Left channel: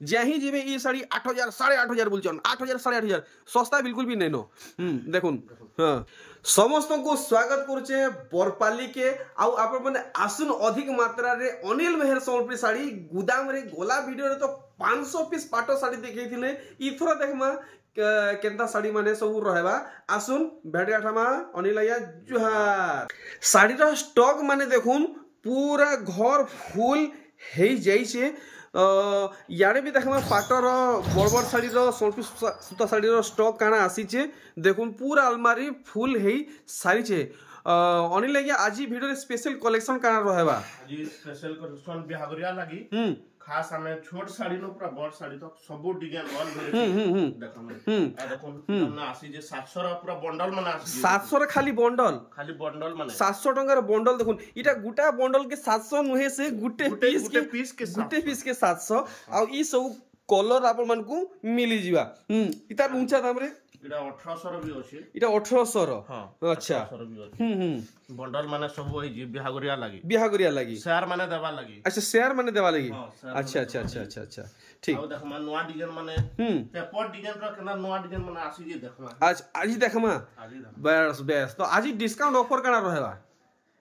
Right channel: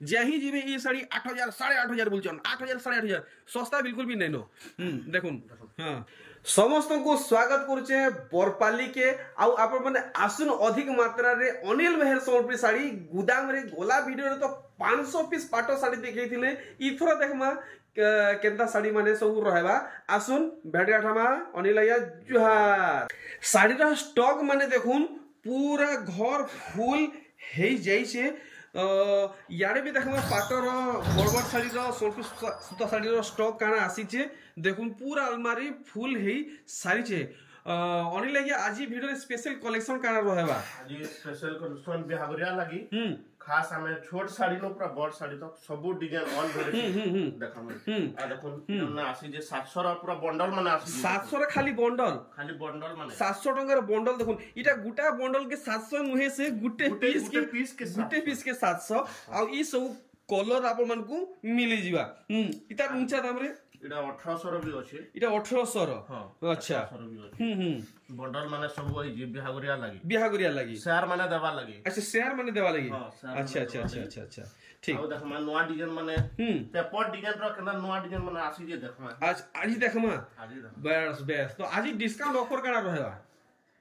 जही जीवे ई साड़ी 8,000 8,500 बोलचन 8,000 8,500 सस्ता बिल्कुल भी नहीं नो देखुन हाँ समस्त को स्वागत करुचे बरपाली के आउ आप माने आसुन अधिक मात्रा रे अनिल मेहर सम्बलपुरी साड़ी गुदाम रे गोला वीडियो रे तो 500 पीस पाटो साड़ी देखैथिले इथरा देखमा केंता साड़ी माने सब रहबा आसुन भेटियाठामा अनिल आया जुहार साड़ी रा स्टॉक माने देखुन पूरा घर फुल हे जाइछे यारे भी देखमा पाटर बड़ साड़ी सूता साड़ी स्टॉक काना आसीचे देखुन पूरा अलमारी फुल हे सारीचे अनिल लगे आज वीडियो स्पेशल कलेक्शन काना रहबा आज स्पेशल कलेक्शन बिहागरिया लागी खास हमें छोट साड़ी नो पूरा बड़ साड़ी तक सब डिजाइन ऑल वेराइटी देखम आ देखुन हमने आसी जे 700 रा पूरा बंडल माने आसी 700 रा खाली बंडल माने 700 टंका रा बंडल देखुन इटा गुटा बंडल के 700 नुहे से गुटे पीस के 700 आ ई सब कलर आप मन को मिली जीवा इता ऊंचा दाम रे इटा 1800 रो भी अछि इटा 1800 रो हां अच्छा बंडल माने सब होई जे बिहागरिया लागी शेयर माने देबा लागी अच्छा शेयर माने देबा लागी अच्छा ठीक आ देखमा नवा डिजाइन माने पेपर डिजाइन रो केना नवा डिजाइन माने आसी जे देखमा आज देखमा बस तो आज डिस्काउंट ऑफर करा रहबा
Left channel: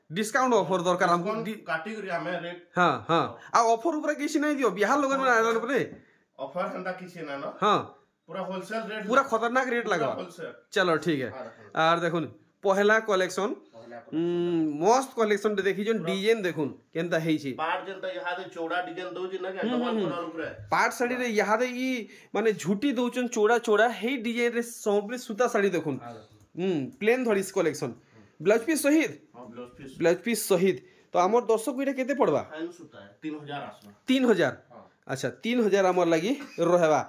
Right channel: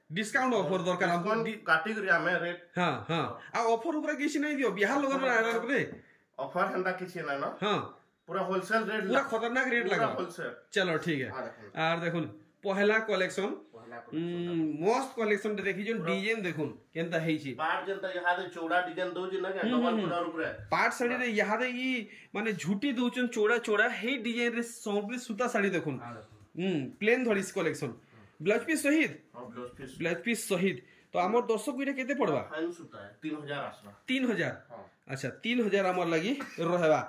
डिस्काउंट ऑफर दरकार हमको कैटेगरी में रेट हां आ ऑफर ऊपर किसी नहीं दियो बिहार लोगन आइलन रे ऑफर हंदा किसी ना ना हां पूरा होलसेल रेट पूरा खतरनाक रेट लगा चलो ठीक है और देखुन पहला कलेक्शन मस्त कलेक्शन देखी जो डिजाइन देखुन केनता हेई छी पार्ट जेंता यहा दे चौड़ा डिजाइन दउ छी ना के डबल कलर ऊपर पार्ट साड़ी रे यहा दे ई माने झूठी दउचन चौड़ा हेई डिजाइन रे सबले सूता साड़ी देखुन प्लेन धरिस कलेक्शन ब्लाउज पीस सहित हां ब्लाउज पीस सहित तो हमर दर्शक इटा केते पड़बा फाइन सूता है 3000 आसबा 3000 अच्छा 3000 हमर लागि रहबा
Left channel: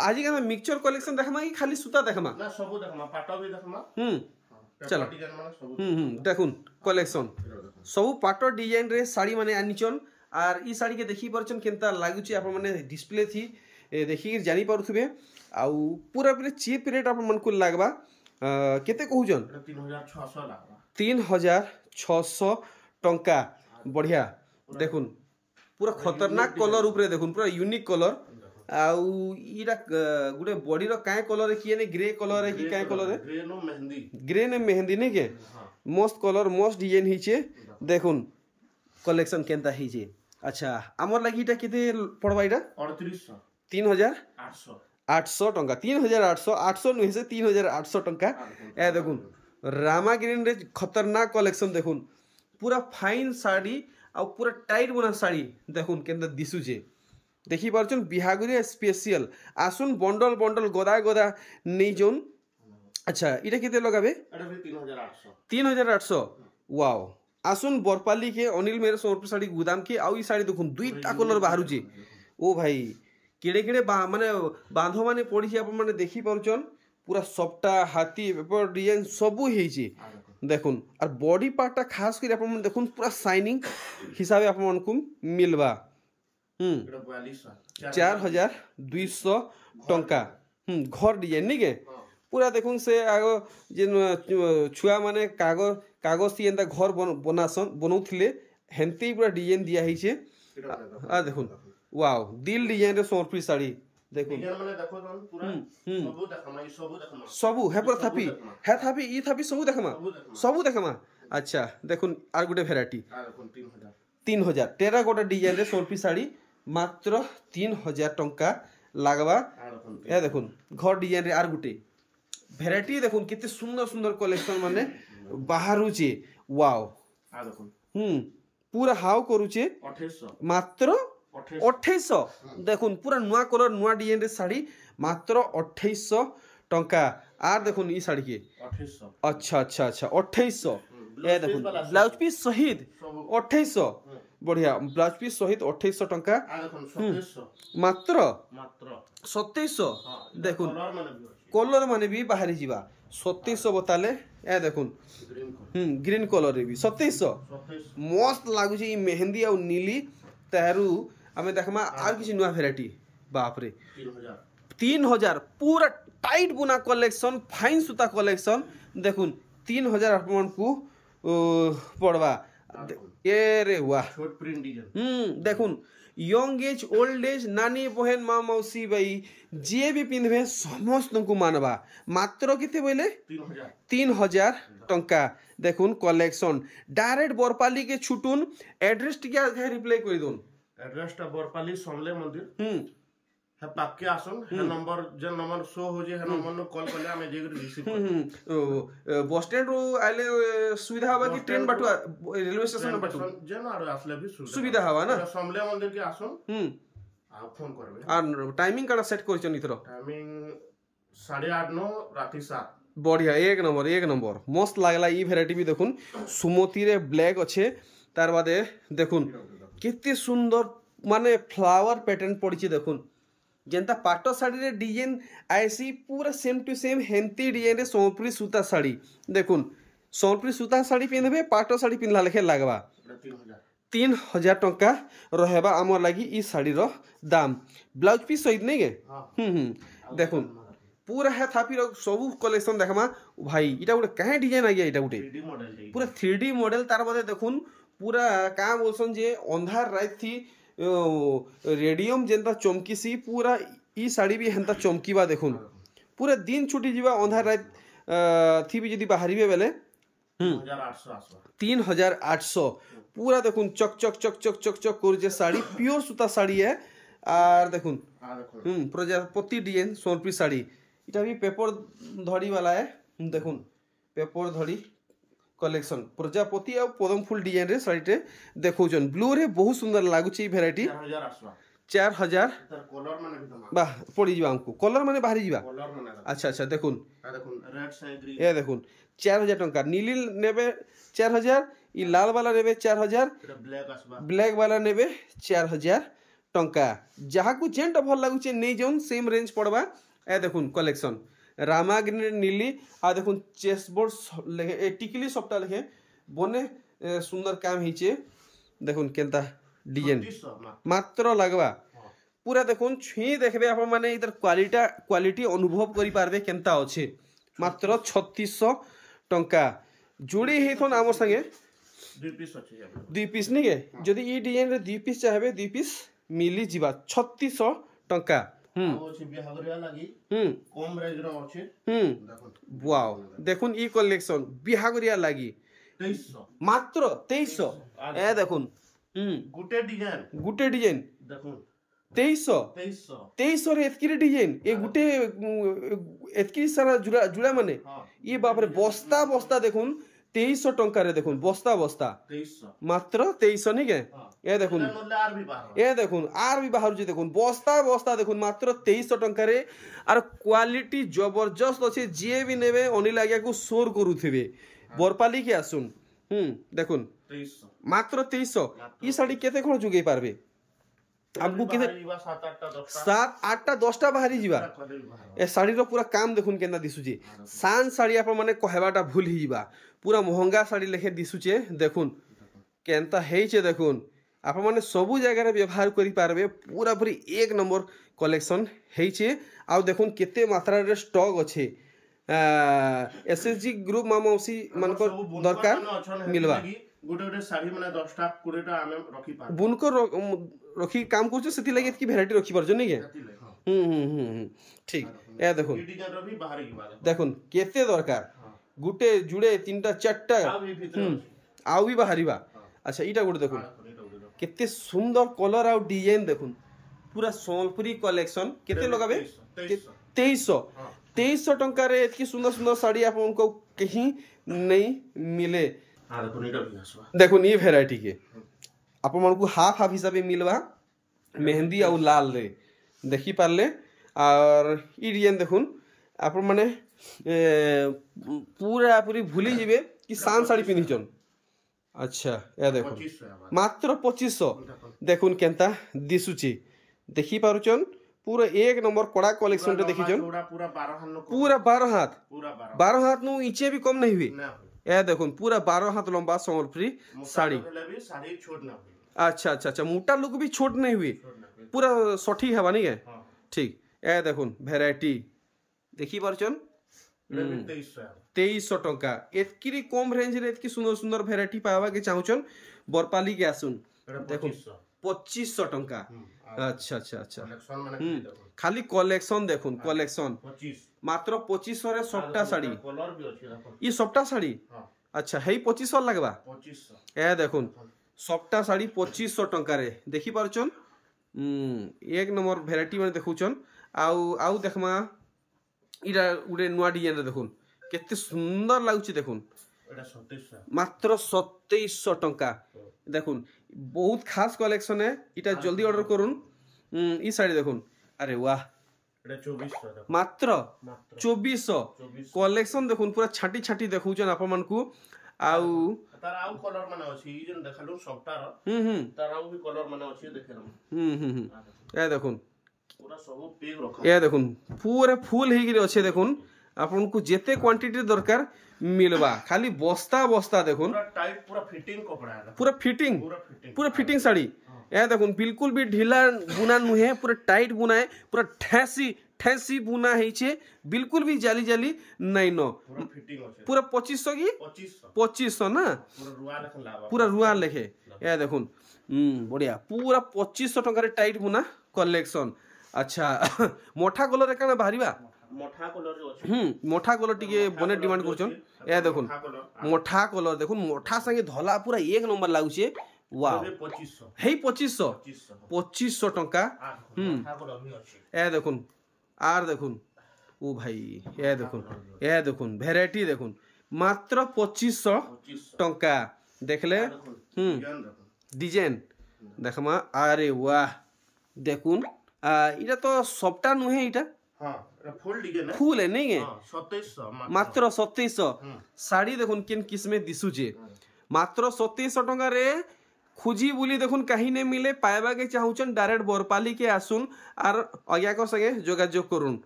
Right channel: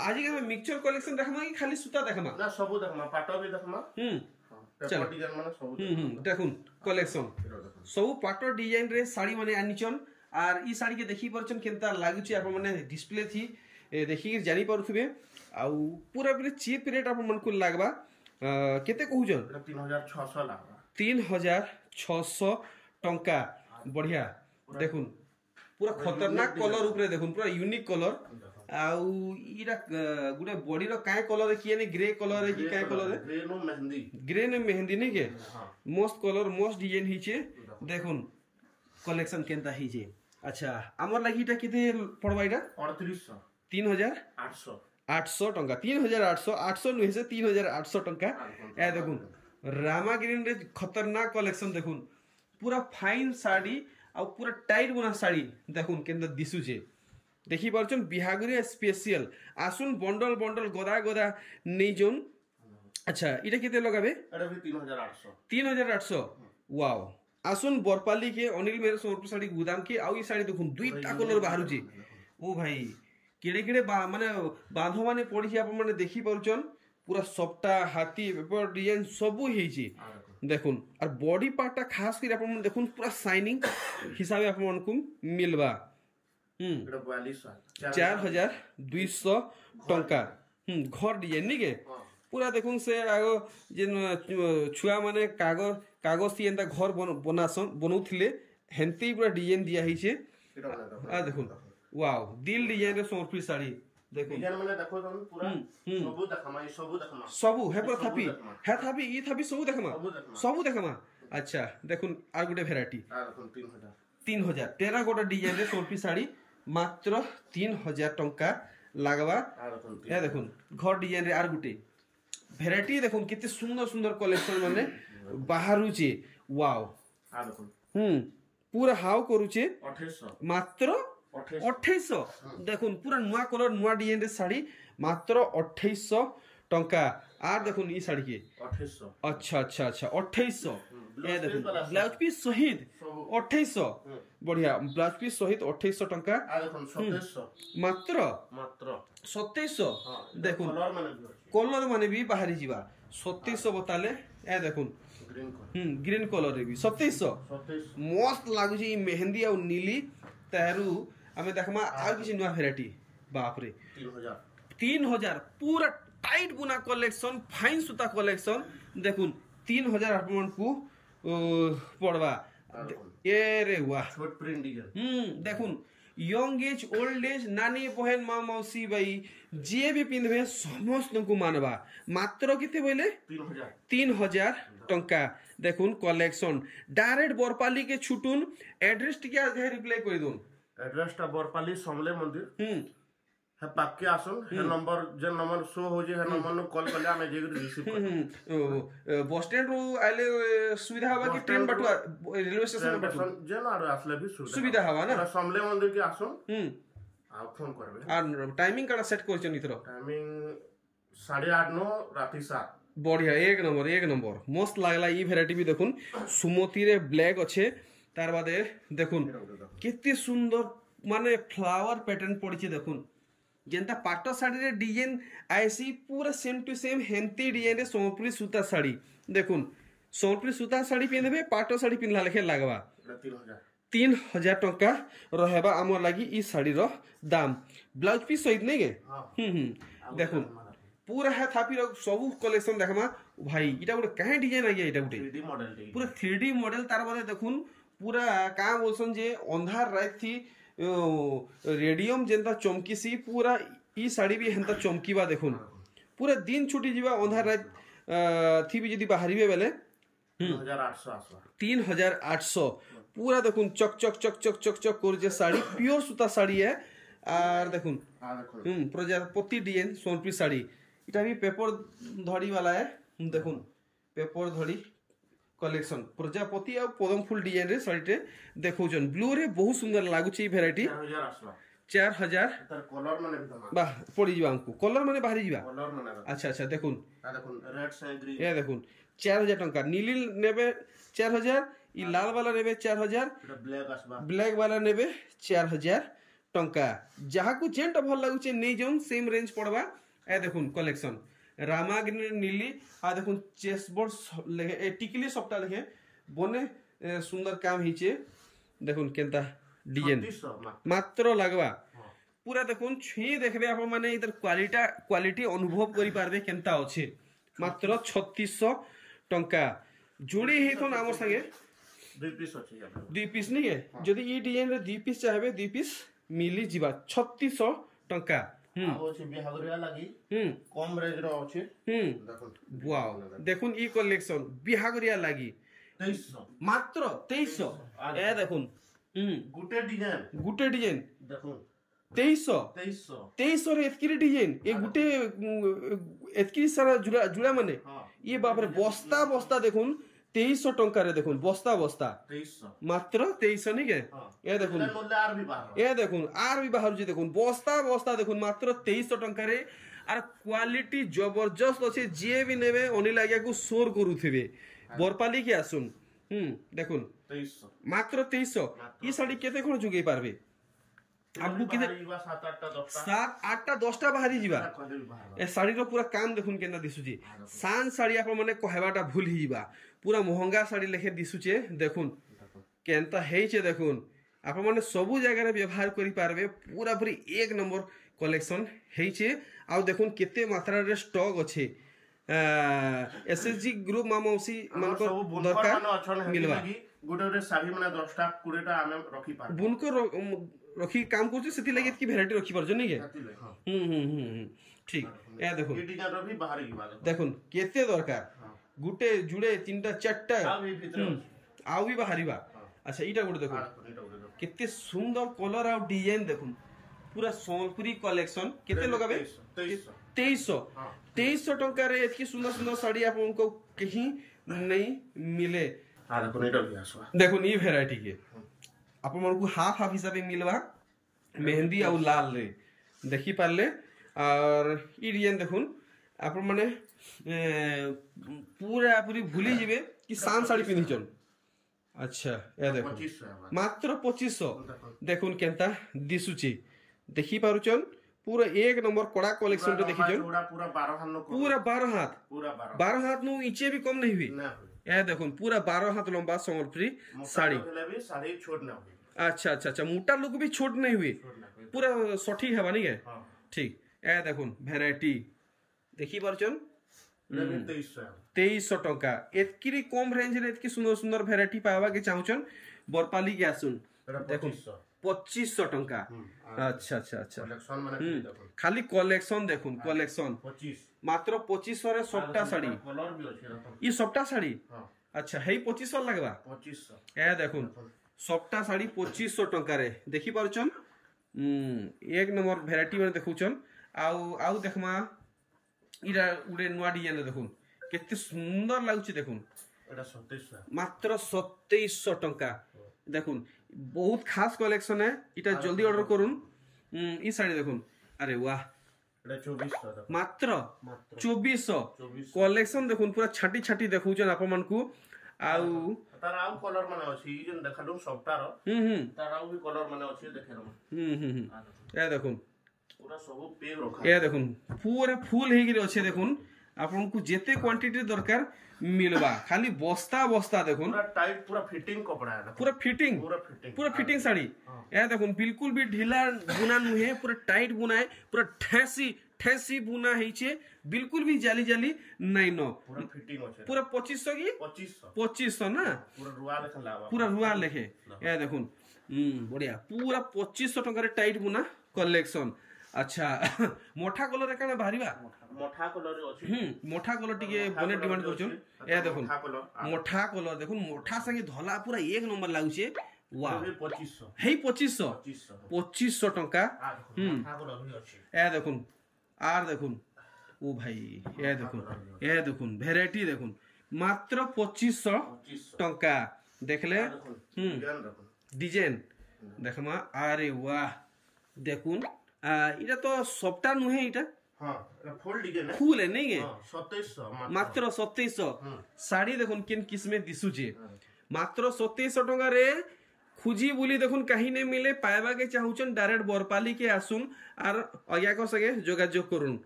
आज के मिक्सचर कलेक्शन देखमा कि खाली सूता देखमा ना सब देखमा पाटो भी देखमा चलो डिजाइन माने सब देखुन कलेक्शन सब पाटो डिजाइन रे साड़ी माने आनिचन आर ई साड़ी के देखि परचन केनता लागुची आप माने डिस्प्ले थी देखि जानि पारुथबे आउ पूरा पूरे चीप रेट आप मन को लागबा केते कहउजन 3600 लागबा 3600 टंका बढ़िया देखुन पूरा खतरनाक कलर ऊपर देखुन पूरा यूनिक कलर आउ इरा गुडे बॉडी रो काय कलर किए ने ग्रे कलर है कि काय कलर है ग्रे ने मेहंदी नहीं के मस्त कलर मस्त डिजाइन हिचे देखुन कलेक्शन केनता हिचे अच्छा हमर लागि इटा केते पड़बा इटा 3800 800 टंका 3800 नुहे से 3800 टंका ए देखुन रामा ग्रीन रे खतरनाक कलेक्शन देखुन पूरा फाइन साड़ी आ पूरा टाइट बना साड़ी देखुन केनता दिसुचे देखि पारछन बिहागुरी स्पेशल आसुन बंडल गोदा नै जोन अच्छा इटा केते लगाबे एटा भी 3800 3800 वाओ आसुन बरपाली के अनिल मेहर सम्बलपुरी साड़ी गुदाम के आउ ई साड़ी देखुन दुईटा कलर बाहरु जे ओ भाई केड़े माने बांधो माने पड़ी आप माने देखि पारछन पूरा सबटा हाथी पेपर डिजाइन सब हेई जे देखुन और बॉडी पार्टटा खास कर आप माने देखुन पूरा शाइनिंग हिसाबे आप मन को मिलबा 4200 टंका घर डिजाइन नहीं के पूरा देखुन से आगो जेन छुआ माने कागज थी एंता घर बनौथिले हेंती पूरा डिजाइन दिया ही छे आ देखुन वाओ दिल डिजाइन रे सम्बलपुरी साड़ी देखुन डिजाइन माने देखो पूरा सबु देखमा सबु हे पर थापी ई थापी सबु देखमा अच्छा देखुन आर गुटे वेराइटी आ देखुन 3000 टेराकोटा डिजाइन रे सम्बलपुरी साड़ी मात्र 3000 टंका लागबा ए देखुन घर डिजाइन रे आर गुटे वेराइटी देखुन केते सुंदर कलेक्शन माने बाहरु छे वाओ आ देखुन पूरा हाउ करूचे 2800 मात्र 2800 देखुन पूरा नुआ कलर नुआ डिजाइन रे साड़ी मात्र 2800 टंका आर देखुन ई साड़ी के 2800 अच्छा 2800 ए देखुन ब्लाउज पीस सहित 2800 बढ़िया ब्लाउज पीस सहित 2800 टंका आ देखुन 2700 मात्र 2700 देखुन कलर माने भी बाहरी जीवा 2700 बताले ए देखुन ग्रीन कलर रे भी 2700 मस्त लागु छी मेहंदी और नीली तहरू हमें देखमा आर किसी नुआ वेराइटी बाप रे 3000 पूरा टाइट बुना कलेक्शन फाइन सूता कलेक्शन देखुन 3000 अपन को पड़वा ए रे वाह छोट प्रिंट डिजाइन देखुन यंग एज ओल्ड एज नानी बहन माँ मौसी भाई जी भी पिंधे समस्त को मानवा मात्र केते बोले 3000 टंका देखुन कलेक्शन डायरेक्ट बरपाली के छुटुन एड्रेस टिके आगे रिप्लाई कर दोन एड्रेस टा बरपाली समले मंदिर है पाके आसन है नंबर जे नंबर शो हो जे है नंबर नो कॉल करले हमें जे रिसीव कर बस स्टैंड रो आले सुविधा हवा कि ट्रेन बटुआ रेलवे स्टेशन में बटुआ जे ना आसले भी सुविधा हवा ना समले मंदिर के आसन आ फोन करबे आ टाइमिंग काडा सेट करछन इतरो टाइमिंग 8:30 नो राती 7 बढ़िया एक नंबर मस्त लागला ई भेराइटी भी देखुन सुमति रे ब्लैक अच्छे तार बादे देखुन केते सुंदर माने फ्लावर पैटर्न पड़ी देखुन जेंता पाटो साड़ी रे डिजाइन आईसी पूरा सेम टू सेम हेंती डिजाइन रे सोनपुरी सूता साड़ी देखुन सोनपुरी सूता साड़ी पिंधबे पाटो साड़ी पिंधला लेखे लागबा 3000 टंका रहेबा हमर लागि ई साड़ी रो दाम ब्लाउज पीस सहित नहीं गे देखुन पूरा है थापी सब कलेक्शन देखमा भाई इटा गोटे कहे डिजाइन आ गया इटा गोटे पूरा 3D मॉडल तार बादे देखुन पूरा का बोलसन जे अंधार रात थी रेडियम जेंता चमकीसी पूरा ई साड़ी भी हेंता चमकीबा देखुन पूरा दिन छुटी जीवा अंधार रात थी भी जदी बाहरीबे बेले 3800 पूरा देखुन चक चक चक चक चक चक कर जे साड़ी प्योर सूता साड़ी है और देखुन प्रजापति डिजाइन सोनपुरी साड़ी इटा भी पेपर धड़ी वाला है देखुन पेपर धड़ी कलेक्शन प्रजापति और पदम फूल डिजाइन रे साड़ी टे देखौजन ब्लू रे बहुत सुंदर लागु छी वैरायटी 4000 कलर माने भी वाह पड़ी जीवा हमको कलर माने बाहरी जीवा कलर माने अच्छा देखुन रेड से ग्रीन ये देखुन 4000 टंका नीली नेबे 4000 ई लाल वाला नेबे 4000 ब्लैक वाला नेबे 4000 टंका जहा को जेंटा भल लागु छी नै जोन सेम रेंज पड़बा ए देखुन कलेक्शन रामाग्नि नीली आ देखुन चेसबोर्ड लेखे ए टिकली सबटा लेखे बने सुंदर काम हिचे देखुन केनता डिजाइन मात्र लागबा पूरा देखुन छी देखबे आप माने इधर क्वालिटी अनुभव करि पारबे केनता अछि मात्र 3600 टंका जोड़ी हेथन हमर संगे 2 पीस नहीं के जदी ई डिजाइन रे 2 पीस चाहबे 2 पीस मिली जीवा 3600 टंका कम रेंज रो अछि देखुन वाओ देखुन ई कलेक्शन बिहागरिया लागी 2300 मात्र 2300 ए देखुन गुटे डिजाइन देखुन 2300 रे एतकी डिजाइन ए गुटे एतकी सारा जुड़ा माने ये बाप रे बस्ता देखुन 2300 टंका रे देखुन बस्ता 2300 मात्र 2300 नहीं के ए देखुन आर भी बाहर जे देखुन बस्ता देखुन मात्र 2300 टंका रे आर क्वालिटी जबरदस्त अछि जे भी नेबे अनिल आज्ञा को शोर करूथिबे बरपाली के आसुन देखुन 2300 मात्र 2300 ई साड़ी केते कोन जुगै पारबे हमको के 7-8 10टा बाहरी जीवा ए साड़ी रो पूरा काम देखुन केना दिसुची सान साड़ी आप माने कहबाटा भूल ही जीवा पूरा महंगा साड़ी लेखे दिसुचे देखुन केनता हेइचे देखुन आप माने सबु जगह रे व्यवहार करि पारबे पूरा पूरी एक नंबर कलेक्शन हेइचे आ देखुन केते मात्रा रे स्टॉक अछि एसएसजी ग्रुप मामौसी मानको दरकार मिलवा गोटे साड़ी माने 10टा 20टा हमें रखी पार बुनको रखी काम करछ सेति लागि की वैरायटी रखी परछ नै के ठीक ए देखो ये डिजाइन रो भी बाहर की बात देखुन केते दरकार गुटे जुड़े 3टा 4टा आउ भी बाहरीबा अच्छा इटा गुटे देखुन केते सुंदर कलर आ डिजाइन देखुन पूरा सोनपुरी कलेक्शन केते लगाबे 2300 टंका रे एतकी सुंदर साड़ी आपनको कहीं नहीं मिले देखुन ये वैरायटी के आप हाफ हिसाब मिलवा मेहंदी और लाल रे देखी पारले और ई डिजाइन देखुन आप माने पूरा पूरी भूली जीवे कि सान साड़ी पिन्हिचन अच्छा ए देखो मात्र 2500 देखुन केनता दिसुची देखी पारुचन पूरा एक नंबर कड़ा कलेक्शन रे देखिचन पूरा 12 हाथ नु इचे भी कम नहीं हुई ए देखुन पूरा 12 हाथ लंबा सोनपुरी साड़ी छोट ना हुई अच्छा मोटा लुक भी छोट नहीं हुई पूरा सठी है नहीं है ठीक ए देखुन वैरायटी देखी पारचन 2300 टंका एतकी कम रेंज रे एतकी सुंदर वैरायटी पावा के चाहुचन बरपाली के आसुन देखुन 2500 टंका। अच्छा अच्छा अच्छा कलेक्शन माने देखो खाली कलेक्शन देखुन कलेक्शन 25 मात्र 2500 रे सबटा साड़ी कलर भी अछि देखो ई सबटा साड़ी हां अच्छा हेई 2500 लगबा 2500 ए देखुन सबटा साड़ी 2500 टंका रे देखि पारुचन एक नंबर भेराइटी माने देखुचन आउ देखमा इरा उडे नुआ डिजाइन रे देखुन केते सुंदर लागुची देखुन एटा 2700 मात्र 2700 टंका देखुन बहुत खास कलेक्शन है इटा जल्दी ऑर्डर करुन ई साड़ी देखुन अरे वाह एटा 2400 देखो मात्र 2400 कलेक्शन देखुन पूरा छाटी छाटी देखुचन आपन मानकू आउ तार आउ कलर माने अछि ई जन देखालु सबटार तार आउ भी कलर माने अछि देखेर ए देखुन पूरा सब पेग रखा ए देखुन पूरा फुल हेगिरे अच्छे देखुन आपन को जेते क्वांटिटी दरकार मिलबा खाली बस्ता बस्ता देखुन पूरा टाइट पूरा फिटिंग कपड़ा है पूरा फिटिंग साड़ी ए देखुन बिल्कुल भी ढीला बुना नुहे पूरा टाइट बुना है पूरा ठेसी बुना है छे बिल्कुल भी जाली जाली नहीं न पूरा फिटिंग अछि पूरा 2500 की 2500 ना पूरा रुआ लेखन लावा पूरा रुआ लेखे ए देखुन बढ़िया पूरा 2500 टका रे टाइट बुना कलेक्शन अच्छा मोठा कलर काना बाहरिबा मोठा कलर रे अछि मोठा कलर टिके बने डिमांड करछन ए देखुन मोठा कलर देखुन मोठा संगे धला पूरा एक नंबर लागुचे वाओ 2500 हेई 2500 टका मोठा कलर भी अछि ए देखुन आर देखुन ओ भाई ए देखुन भेराइटी देखुन मात्र 2500 टका देखले डिजाइन देखमा अरे वाह देखुन इटा तो सबटा नुहे इटा हां फुल डिजाइन फुल है नहीं है 2700 मात्र 2700 साड़ी देखुन केन किस्मे दिसुचे मात्र 2700 टका रे खुजी बुली देखुन कहीं नहीं मिले पाएबा के चाहूचन डायरेक्ट बोरपाली के आसुन आर अया को संगे जोगाजोग करुन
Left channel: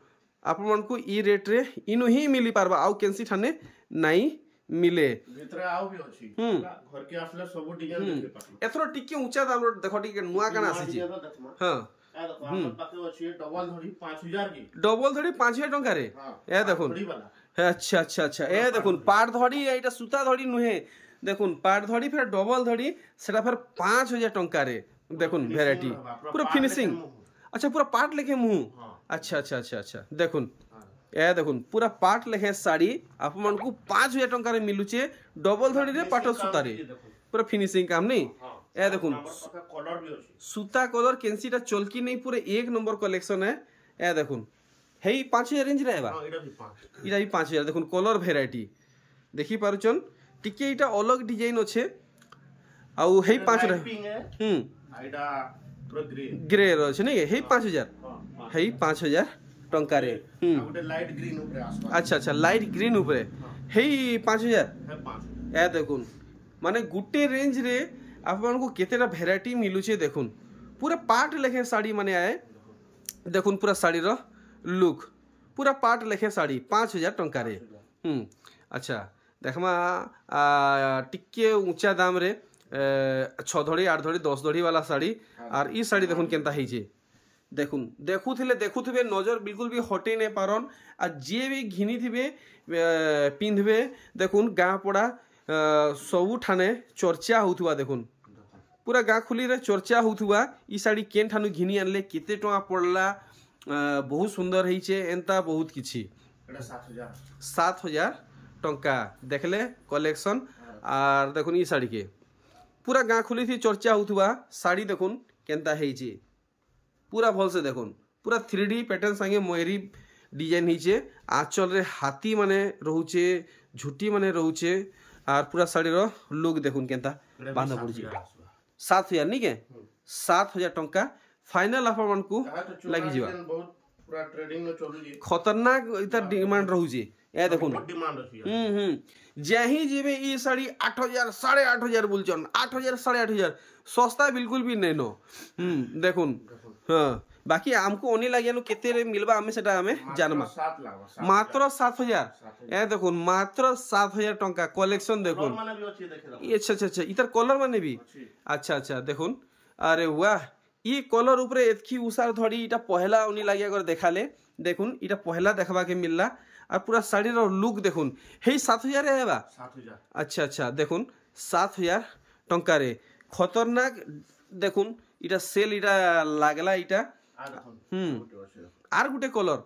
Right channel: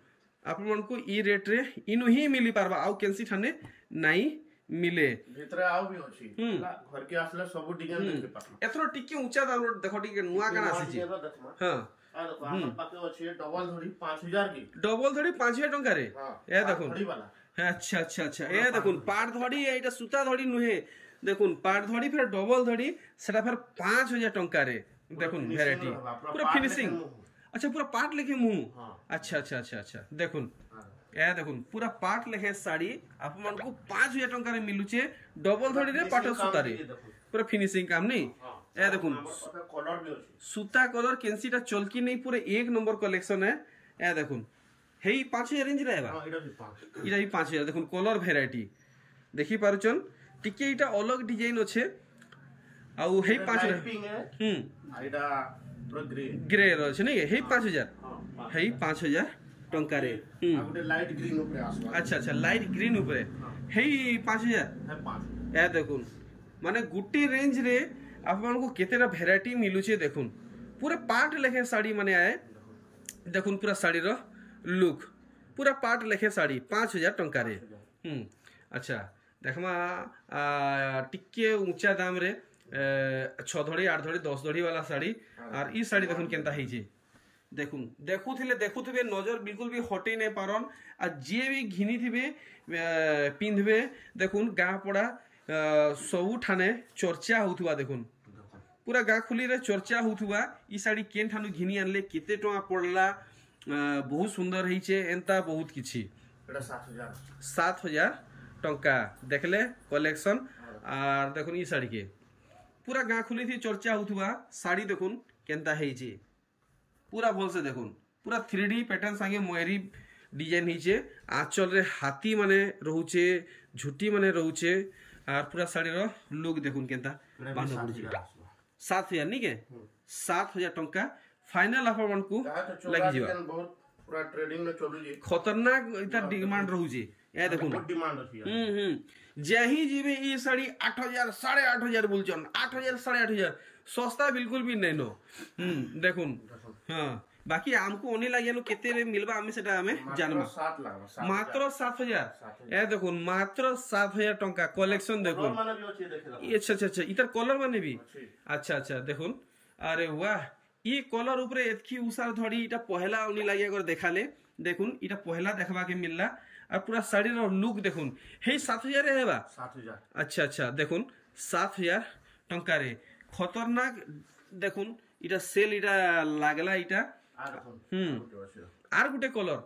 आपन मन को ई रेट रे इनु ही मिली पारबा आउ केनसी ठाने नहीं मिले भीतर आउ भी अछि घर के आसले सब डिजाइन देखे पाबो एथरो टिके ऊंचा दाम देखो टिके नुआ काना आसी हां आ देखो आपन पाके अछि डबल धड़ी 5000 की डबल धड़ी 5000 टंका रे ए देखुन अच्छा अच्छा अच्छा ए देखुन पाट धड़ी एटा सूता धड़ी नुहे देखुन पाट धड़ी फिर डबल धड़ी सेटा फिर 5000 टंका रे देखुन वैरायटी पूरा फिनिशिंग अच्छा पूरा पाट लेके मुंह अच्छा अच्छा अच्छा अच्छा देखुन ए देखुन पूरा पाट लेखे साड़ी आप मन को 5000 टंका रे मिलुचे डबल धड़ी रे पाट सूता रे पूरा फिनिशिंग काम नहीं ए देखुन कलर भी अछि सूता कलर केंसीटा चलकी नहीं पूरा एक नंबर कलेक्शन है ए देखुन हेई 5000 रेंज रे बा हां इटा भी 5000 देखुन कलर वैरायटी देखि पारुचन टिके इटा अलग डिजाइन अछि आउ हेई 5 रे आइडा पूरा ग्रे रो अछि नहीं हेई 5000 हेई 5000 टंका रे गुटे लाइट ग्रीन ऊपर आसबा अच्छा अच्छा लाइट ग्रीन ऊपर हेई 5000 है 5 ए देखुन माने गुटे रेंज रे आपन को केतेटा वैरायटी मिलुचे देखुन पूरा पाट लेखे साड़ी माने आए देखुन पूरा साड़ी रो लुक पूरा पाट लेखे साड़ी 5000 टंका रे अच्छा देखमा टिके ऊंचा दाम रे 6 धड़ी 8 धड़ी 10 धड़ी वाला साड़ी और ई साड़ी देखुन केनता हेजे देखुन देखुथिबे नजर बिल्कुल भी हटे नहीं पारन आ जे भी घिनी थिबे पिंधबे देखुन गाँ पड़ा सबू ठाने चर्चा होथुआ देखुन पूरा गाँ खुली रे चर्चा होथुआ ई साड़ी केन ठानु घिनी आनले केते टका पड़ला बहुत सुंदर हेइचे एंता बहुत किछि एटा 7000 7000 टंका देखले कलेक्शन आर देखुन ई साड़ी के पूरा गाँ खुली थी चर्चा होथुआ साड़ी देखुन केनता हेइचे पूरा भल से देखुन पूरा 3D पैटर्न संगे मयरी डिजाइन हेइचे आंचल रे हाथी माने रहउचे झुटी माने रहउचे आर पूरा साड़ी रो लुक देखुन केनता बांधा पड़ुचे 7000 नहीं के 7000 टंका फाइनल ऑफर मन को लगी जीवा बहुत पूरा ट्रेडिंग में चलुजी खतरनाक इता डिमांड रहउचे ए देखुन बहुत डिमांड अछि जही जीवे ई साड़ी 8000 8500 बोलचन 8000 8500 सस्ता बिल्कुल भी नहीं नो देखुन हां बाकी हमको ओनी लागियानु केते रे मिलबा हमें सेटा हमें जानमा 7 लागबा मात्र 7000 ए देखुन मात्र 7000 टंका कलेक्शन देखुन माने भी अछि देखे अच्छा अच्छा अच्छा इधर कलर माने भी अच्छा अच्छा देखुन अरे वाह ये कलर ऊपर एतकी उसार धड़ी इटा पहला ओनी लागिया कर देखाले देखुन इटा पहला देखबा के मिलला और पूरा साड़ी रो लुक देखुन हे 7000 रे हेबा 7000 अच्छा अच्छा देखुन 7000 टंका रे खतरनाक देखुन इटा सेल इटा लागला इटा आ देखो आर गुटे कलर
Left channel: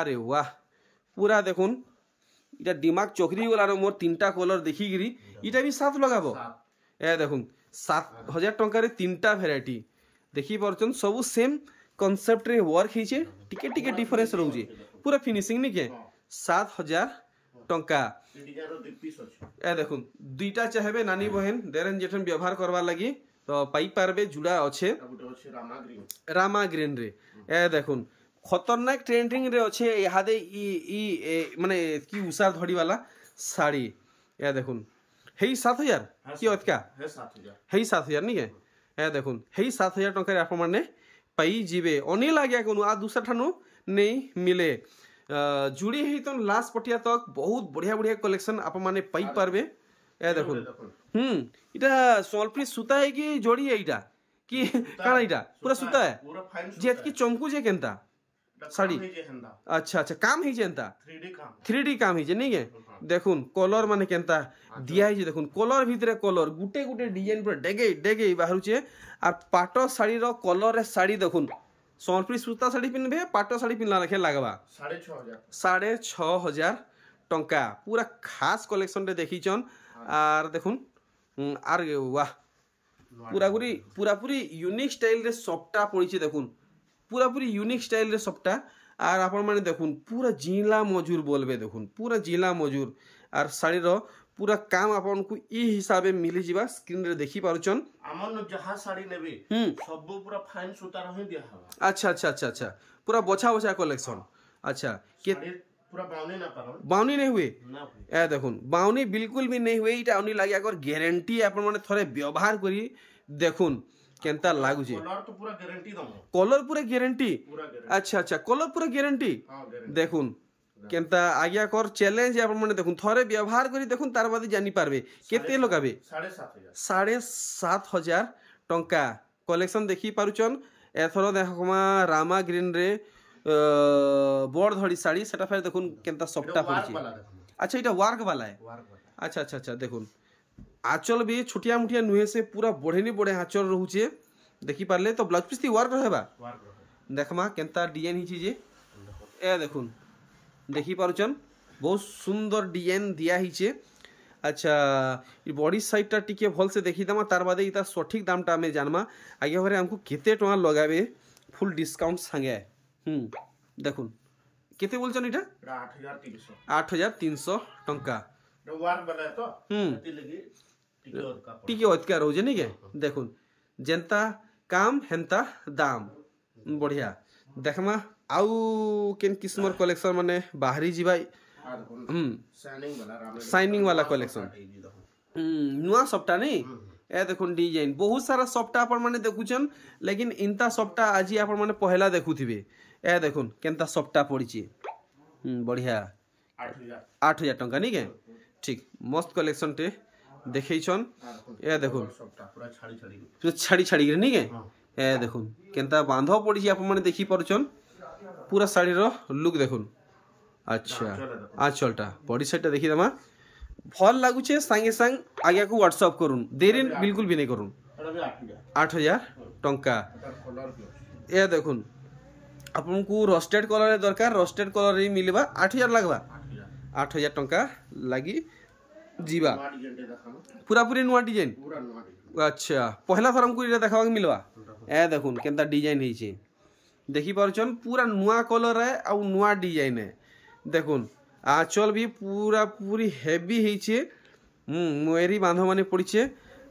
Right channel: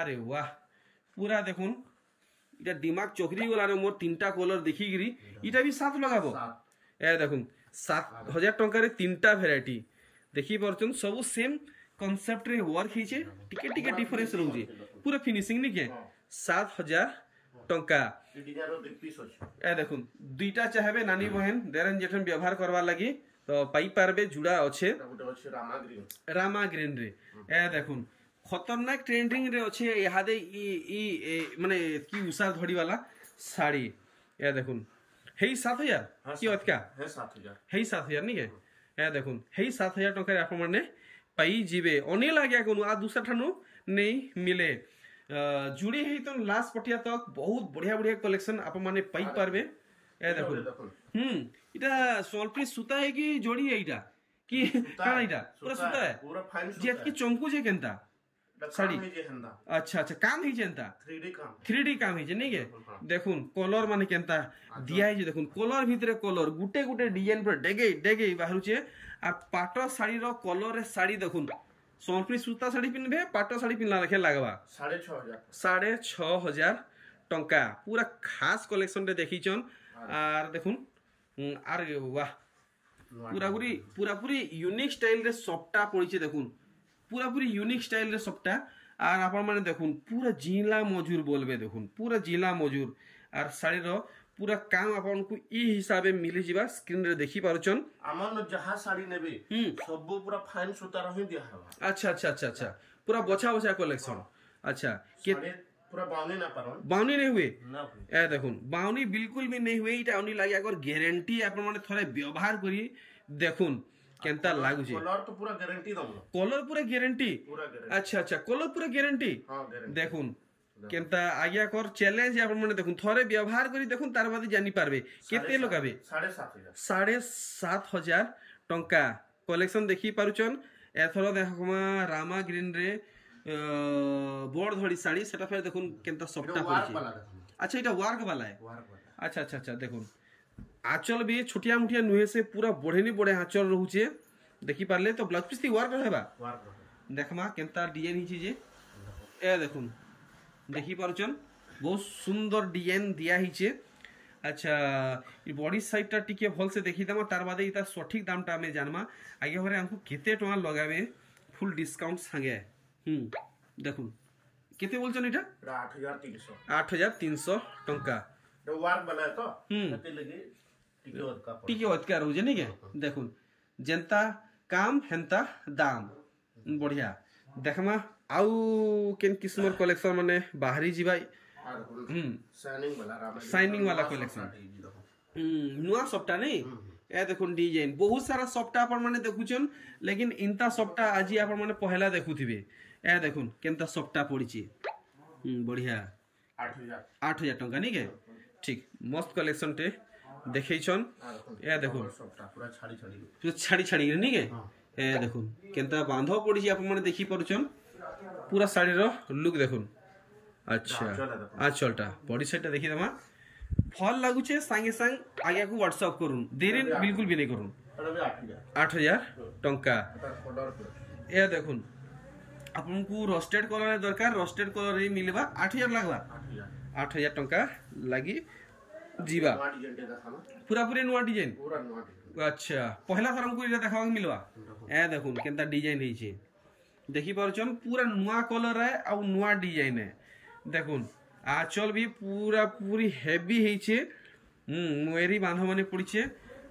अरे वाह पूरा देखुन इटा दिमाग चोकरी गलार मोर 3टा कलर देखिकी इटा भी 7 लगाबो ए देखुन 7000 टंका रे 3टा भेराइटी देखि परछन सब सेम कांसेप्ट रे वर्क हिचे टिके टिके डिफरेंस रहउची पूरा फिनिशिंग नि के 7000 टंका ए देखुन दुईटा चाहबे नानी बहन देरन जेठन व्यवहार करवा लगी तो पाई पारबे जुड़ा अच्छे रामा ग्रीन रे ए देखुन खतरनाक ट्रेंडिंग रे अच्छे इहादे ई माने की उषा धड़ी वाला साड़ी ए देखुन हेई 7000 की अतका हेई 7000 नी के ए देखुन हेई 7000 टंका रे आप माने पाई जीवे अने लाग्या कोनु आ दूसरा ठानु नहीं मिले जुड़ी ही तो लास्ट पटिया तक बहुत बढ़िया बढ़िया कलेक्शन आप माने पाई पारबे ए देखुन इटा सोलप्री सूता है कि जोड़ी है इटा कि काना इटा पूरा सूता है पूरा फाइन जेत की चमकू जे केनता साड़ी अच्छा अच्छा काम ही जेनता 3D काम ही जे नहीं है देखुन कलर माने केनता दिया है जे देखुन कलर भीतरे कलर गुटे गुटे डिजाइन पर डेगे डेगे बाहरु छे और पाटो साड़ी रो कलर रे साड़ी देखुन सोनप्री सूता साड़ी पिनबे पाटो साड़ी पिनला लेखे लागबा 6500 टंका पूरा खास कलेक्शन रे देखिचन आर देखुन आर वाह पूरा पूरी यूनिक स्टाइल रे सबटा पड़ी देखुन पूरा पूरी यूनिक स्टाइल रे सबटा आर आपण माने देखुन पूरा जिला मजूर बोलबे देखुन पूरा जिला मजूर आर साड़ी रो पूरा काम आपन को ई हिसाबे मिली जीवा स्क्रीन रे देखि पारुचन हमन जहा साड़ी नेबे सब पूरा फाइन सूता रही दिया हवा अच्छा अच्छा अच्छा अच्छा पूरा बछा बछा कलेक्शन अच्छा के पूरा बाउनी ना परन बाउनी नहीं हुए ना हुए ए देखुन बाउनी बिल्कुल भी नहीं हुए इटा आउनी लागि अगर गारंटी आपन माने थोड़े व्यवहार करी देखुन केनता लागु छे कलर तो पूरा गारंटी दम कलर पूरा गारंटी अच्छा अच्छा कलर पूरा गारंटी हां गारंटी देखुन केनता आज्ञा कर चैलेंज आपन माने देखुन थोड़े व्यवहार करी देखुन तार बाद जानि पारबे केते लगाबे 7500 टंका कलेक्शन देखि पारुचन एथरो देखमा रामा ग्रीन रे बोर्ड धड़ी साड़ी सेटा फेर देखुन केनता सफ्टा पड़ी अच्छा इटा वर्क वाला है अच्छा अच्छा अच्छा देखुन आंचल भी छोटिया मुठिया नुहे से पूरा बढ़ेनी बढ़े आंचल रहूचे देखि पारले तो ब्लाउज पीस वर्क रहबा देखमा केनता डिजाइन हिची जे ए देखुन देखि पारुचन बहुत सुंदर डिजाइन दिया हिचे अच्छा ई बॉडी साइड टा टिके भल से देखि दमा तार बादे इता सठिक दाम टा हमें जानमा आगे भरे हमको केते टका लगाबे फुल डिस्काउंट संगे देखुन केते बोलछन इटा 8300 टंका वर्क वाला है तो कते लगी टिके ओतका रहू जे नहीं के देखुन जनता काम हेंता दाम बढ़िया देखमा आउ केन किस्मर कलेक्शन माने बाहरी जीवा शाइनिंग वाला कलेक्शन नुआ सप्टा नहीं ए देखुन डिजाइन बहुत सारा सप्टा अपन माने देखुचन लेकिन इनता सप्टा आज अपन माने पहला देखुथिबे ए देखुन केनता सप्टा पड़ीची बढ़िया 8000 टंका नहीं के ठीक मस्त कलेक्शन टे देखैछन ए देखुन पूरा छाड़ी छाड़ी नहीं के ए देखुन केनता बांधो पड़ी आप माने देखि पारुचन पूरा साड़ी रो लुक देखुन अच्छा आंचलटा बॉडी साइडटा देखि दमा फल लागुचे संगे संग आगे को व्हाट्सएप करूँ देरी बिल्कुल भी नहीं करूँ 8000 टंका ए देखुन आपन को रोस्टेड कलर दरकार रोस्टेड कलर ही मिलबा 8000 लागबा 8000 टंका लगी जीवा पूरा पूरी नुआ डिजाइन अच्छा पहला थर हमको देखा मिलवा ए देखुन केनता डिजाइन है देखी पारुचन पूरा नुआ कलर है और नुआ डिजाइन है देखुन आंचल भी पूरा पूरी हेवी है मोरी बांध माने पड़ीचे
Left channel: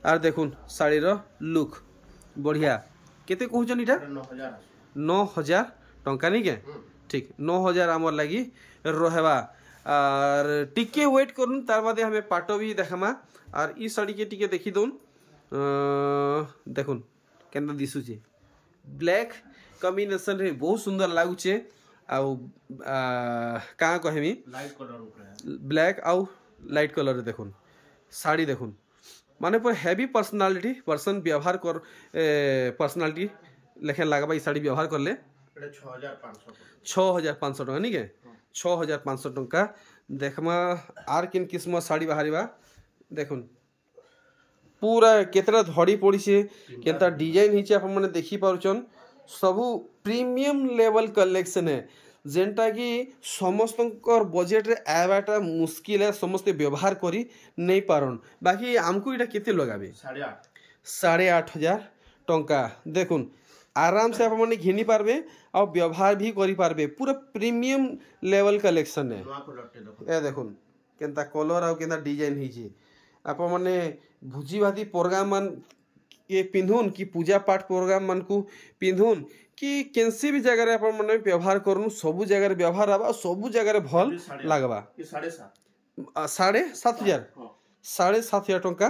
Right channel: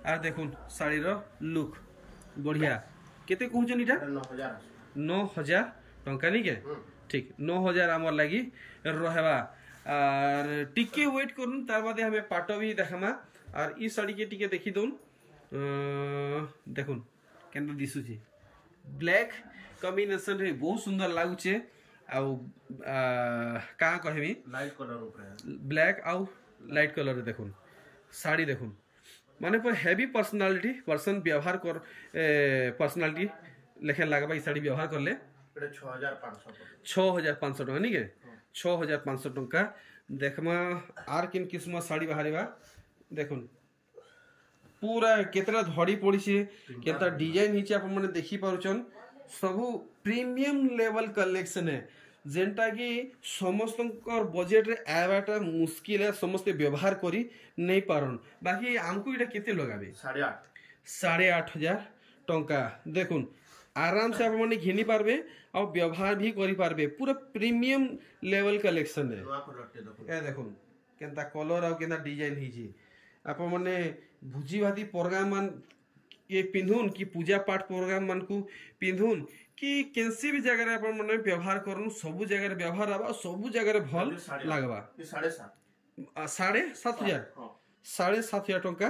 आर देखुन साड़ी रो लुक बढ़िया केते कहउचन इटा 9000 टंका नहीं के ठीक 9000 आमर लगी रहबा और टिके वेट करूँ तार बादे हमें पाटो भी देखमा और ई साड़ी के टिके देखी दउन देखुन केनता दिसुचे ब्लैक कॉम्बिनेशन रे बहुत सुंदर लागुचे आउ का कहमी लाइट कलर ऊपर ब्लैक आउ लाइट कलर रे देखुन साड़ी देखुन माने पर हेवी पर्सनालिटी पर्सन व्यवहार कर पर्सनालिटी लेखे लागबा ई साड़ी व्यवहार करले 6500 टका नहीं के 6500 टंका देखमा आर किन किस्म साड़ी बाहरीबा देखुन पूरा केतरा धड़ी पड़ी से केता डिजाइन हिचे आपण माने देखि पारुचन सबु प्रीमियम लेवल कलेक्शन है जेनटा कि समस्तंकर बजेट रे आवाटा मुश्किल है समस्त व्यवहार करी नहीं पारन बाकी हमको इटा केते लगाबे 8,500 टंका देखुन आराम से आपण माने घिनी पारबे और व्यवहार भी करी पारबे पूरा प्रीमियम लेवल कलेक्शन है ए देखुन केनता कलर आ केनता डिजाइन हिची आपण माने भुजी भाती प्रोग्राम मान ये पिंधुन कि पूजा पाठ प्रोग्राम मान को पिंधुन कि केनसी भी जगह रे आपण माने व्यवहार करनु सबु जगह रे व्यवहार आबा सबु जगह रे भल लागबा 7,500 7,500 टंका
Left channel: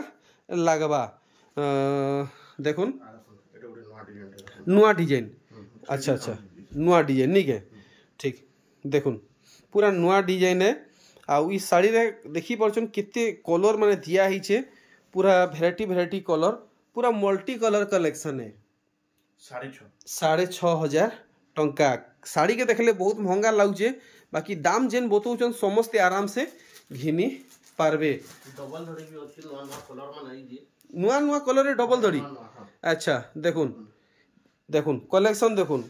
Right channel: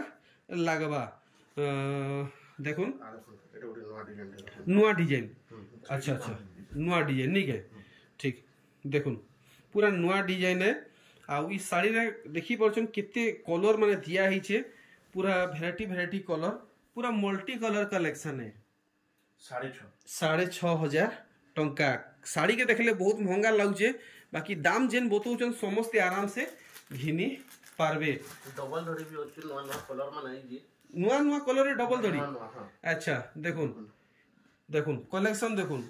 लागबा देखुन नुआ डिजाइन अच्छा अच्छा नुआ डिजाइन नहीं के ठीक देखुन पूरा नुआ डिजाइन है आ ई साड़ी रे देखि परछन केते कलर माने दिया हिचे पूरा वेराइटी कलर पूरा मल्टी कलर कलेक्शन है 6,500 टंका साड़ी के देखले बहुत महंगा लागुचे बाकी दाम जेन बतौचन समस्ते आराम से घिनी पारबे डबल धड़ी भी अछि नुआ कलर माने जे नुआ कलर रे डबल धड़ी अच्छा देखुन कलेक्शन देखुन